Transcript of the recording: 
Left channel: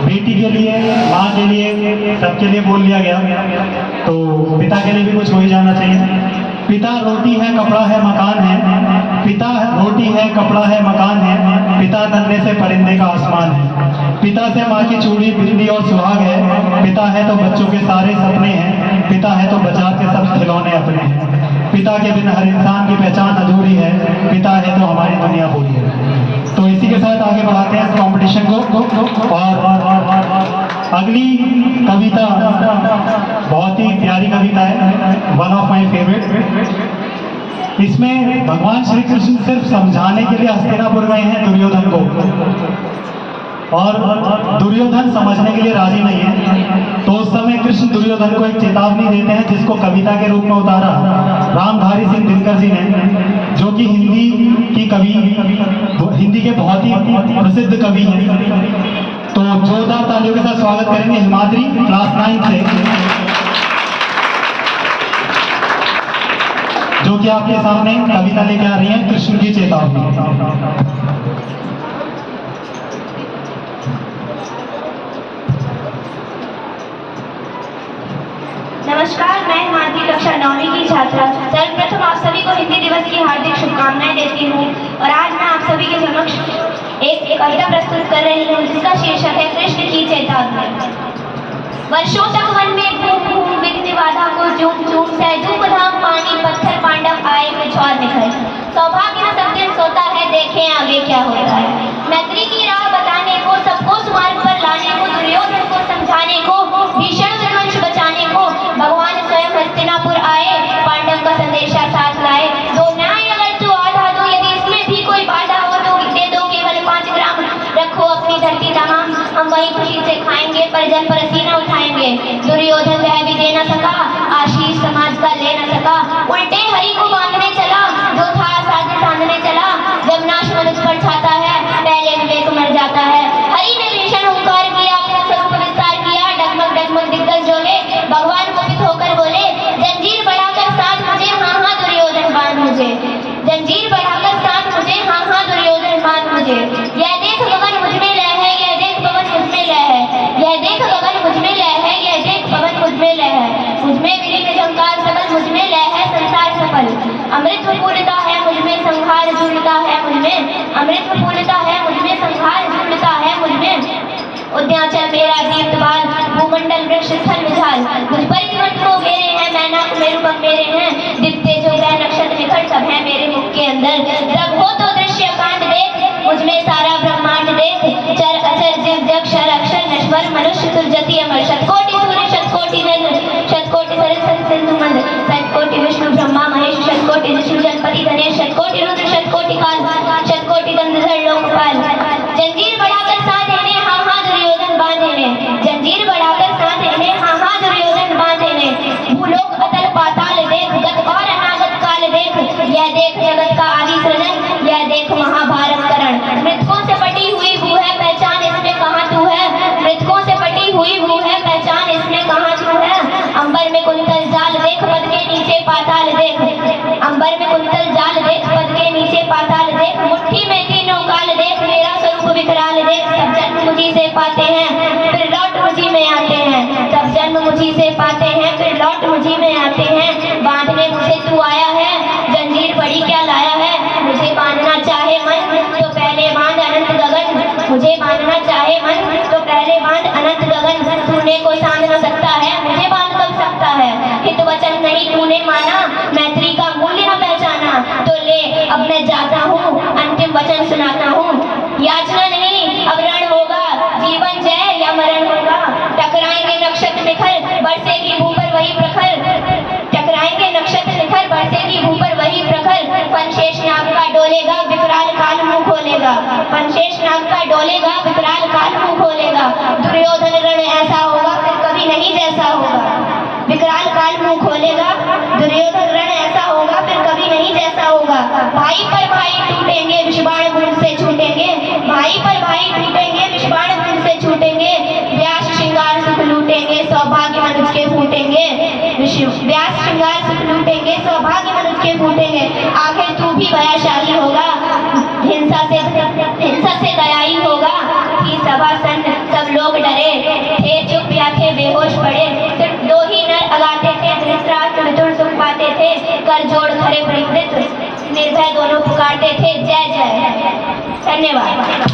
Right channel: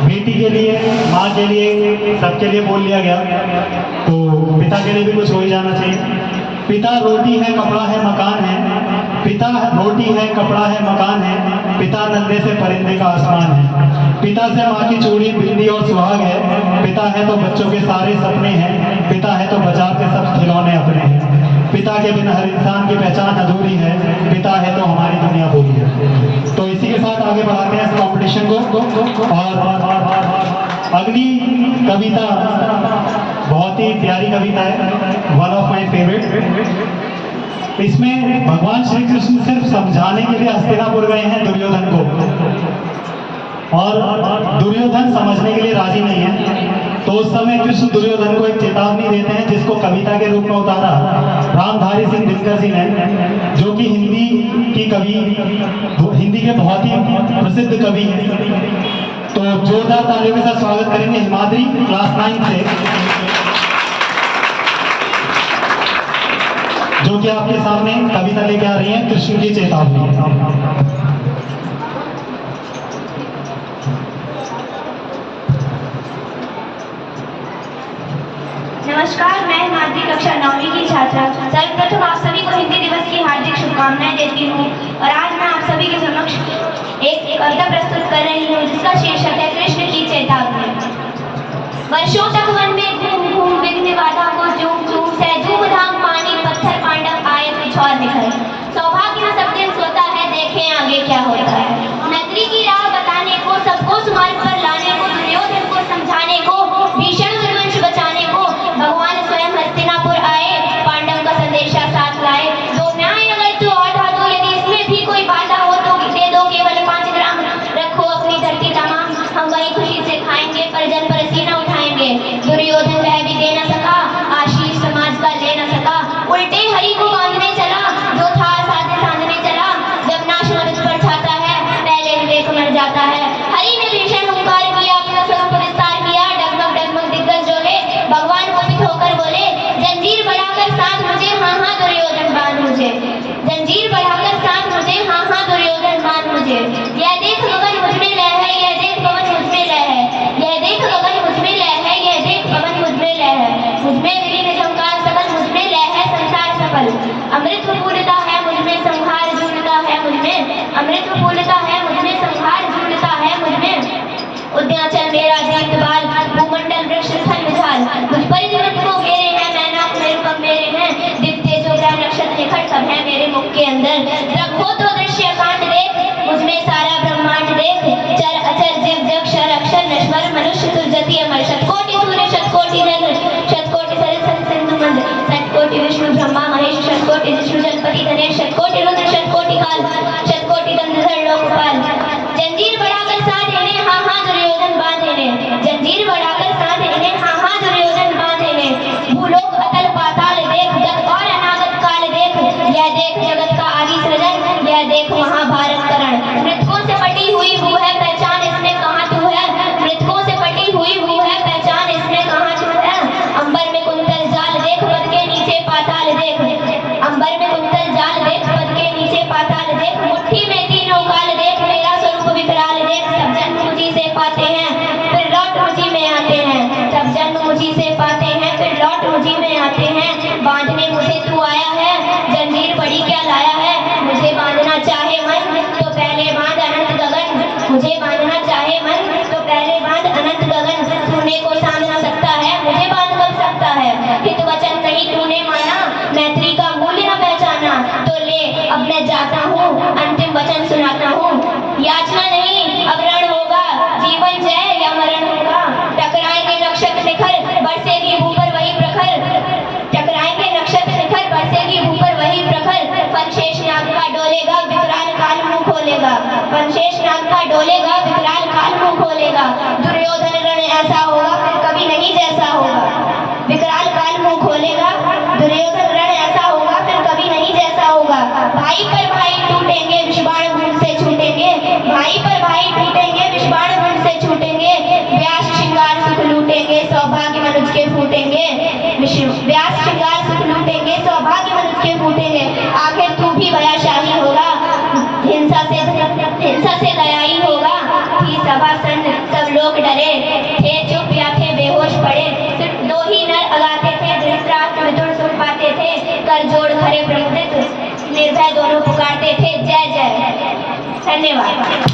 बेटी के लिए, माँ के लिए, सबके लिए बोल लिया गया, तो पिता के लिए भी कुछ हो ही जाना चाहिए। पिता रोटी है, कपड़ा है, मकान है। पिता रोटी है, कपड़ा है, मकान है। पिता नन्हे से परिंदे का आसमान है। पिता से माँ की चूड़ी, बिंदी और सुहाग है। पिता है तो बच्चों के सारे सपने हैं। पिता है तो बाजार के सब खिलौने अपने हैं। पिता के बिना हर इंसान की पहचान अधूरी है। पिता है तो हमारी दुनिया पूरी है। तो इसी के साथ आगे बढ़ाते हैं इस कॉम्पिटिशन को। और अगली कविता बहुत ही प्यारी कविता है, वन ऑफ माय फेवरेट। इसमें भगवान श्री कृष्ण सिर्फ समझाने के लिए हस्तिनापुर गए हैं दुर्योधन को, और दुर्योधन समझने के लिए राजी नहीं है। तो उस समय कृष्ण दुर्योधन को एक चेतावनी देते हैं, जिसको कविता के रूप में उतारा रामधारी सिंह दिनकर जी ने, जो कि हिंदी के बहुत ही प्रसिद्ध कवि हैं। तो जोरदार तालियों के साथ स्वागत करेंगे हिमाद्री क्लास 9 से, जो कि आपके सामने कविता लेके आ रही है कृष्ण की चेतावनी। नमस्कार, मैं हिमाद्री कक्षा 9वीं की छात्रा सर्वप्रथम आप सभी को हिंदी दिवस की हार्दिक शुभकामनाएं देती हूँ। और आज मैं आप सभी के समक्ष एक कविता प्रस्तुत कर रही हूँ, जिसका शीर्षक है कृष्ण की चेतावनी। वर्षों तक वन में घूम घूम विघ्न बाधा को झूम झूम से धूम धाम पानी पत्थर पांडव आए कुछ और निखर। सौभाग्य न सब दिन सोता है, देखें आगे क्या होता है। मैत्री की राह बताने को, सबको सुमार्ग पर लाने को, दुर्योधन को समझाने को, भीषण विध्वंस बचाने को भगवान स्वयं हस्तिनापुर आए, पांडव का संदेशा साथ लाए। दो न्याय अगर तू आधा दो, यदि इसमें भी कोई बाधा हो तो दे दो केवल 5 ग्राम। रखो अपनी धरती तमाम, हम वही खुशी से खाएंगे, पर जन पर सीना उठाएंगे। दुर्योधन वह भी दे न सका, आशीष समाज का ले न सका। उल्टे हरि को बांधने चला, जो था साधे साधने चला। जब नाश मनुष्य पर छाता है, पहले विवेक मर जाता है। हरि ने भीषण हुंकार किया, अपना स्वरूप विस्तार किया। डगमग डगमग दिग्गज डोले, भगवान कुपित होकर बोले, जंजीर बढ़ाकर साथ मुझे, हाँ हाँ दुर्योधन बांध मुझे। जंजीर बढ़ाकर साथ मुझे, हाँ हाँ दुर्योधन बांध मुझे। यह देख गगन मुझ में लय है, यह देख पवन मुझ में लय है। यह देख गगन मुझ में लय है, यह देख पवन मुझ में लय है। मुझ में विलीन झंकार सकल, मुझ में लय है संसार सफल। अमृत पूर्णता है मुझ में, संहार झूलता है मुझ में। अमृत पूर्णता है मुझ में, संहार झूलता है मुझ में। उद्याचल मेरा दीप्त बाल, भूमंडल वृक्ष स्थल विशाल। मुझ पर जीवन को घेरे हैं, मैनाक मेरुकम मेरे हैं। दिखते जो ग्रह नक्षत्र निखर, सब है मेरे मुख के अंदर। जब हो तो दृश्य कांड देख, मुझ में सारा ब्रह्मांड देख। चर अचर जीव जग क्षर अक्षर नश्वर, मनुष्य सुरजति अमर। शतकोटि सूर्य शतकोटि चंद्र, शतकोटि सरस्वती सिंधु मंद। शतकोटि विष्णु ब्रह्मा महेश, शतकोटि विष्णु जलपति गणेश। शतकोटि रुद्र शतकोटि काल, शतकोटि गंधर्व लोकपाल। जंजीर बढ़ाकर साथ इन्हें, हाँ हाँ दुर्योधन बांधे ने। जंजीर बढ़ाकर साथ इन्हें, हाँ हाँ दुर्योधन बांधे ने। भूलोक अतल पाताल देख, गत और अनागत काल देख। यह देख जगत का आदि सृजन, यह देख महाभारत करण। मृतकों से पटी हुई भू है, पहचान इसमें कहाँ तू है। मृतकों से पटी हुई भू है, पहचान इसमें कहाँ तू है। अंबर में कुंतल जाल देख, पद के नीचे पाताल देख। अंबर में कुंतल जाल देख, पद के नीचे पाताल देख। मुट्ठी में तीनों काल देख, मेरा स्वरूप विकराल देख। सब जन्म मुझी से पाते हैं, फिर लौट मुझी में आते हैं। सब जन्म मुझी से पाते हैं, फिर लौट मुझी में आते हैं। बांधने मुझे तू आया है, जंजीर बड़ी क्या लाया है। मुझे बांधना चाहे मन तो पहले बांध अनंत गगन। मुझे बांधना चाहे मन तो पहले बांध अनंत गगन। तूने को सांध न सकता है, मुझे बांध कब सकता है। हित वचन नहीं तूने माना, मैत्री का मूल्य न पहचाना। तो ले अब मैं जाता हूँ, अंतिम वचन सुनाता हूँ। याचना नहीं अब रण होगा, जीवन धन्यवाद।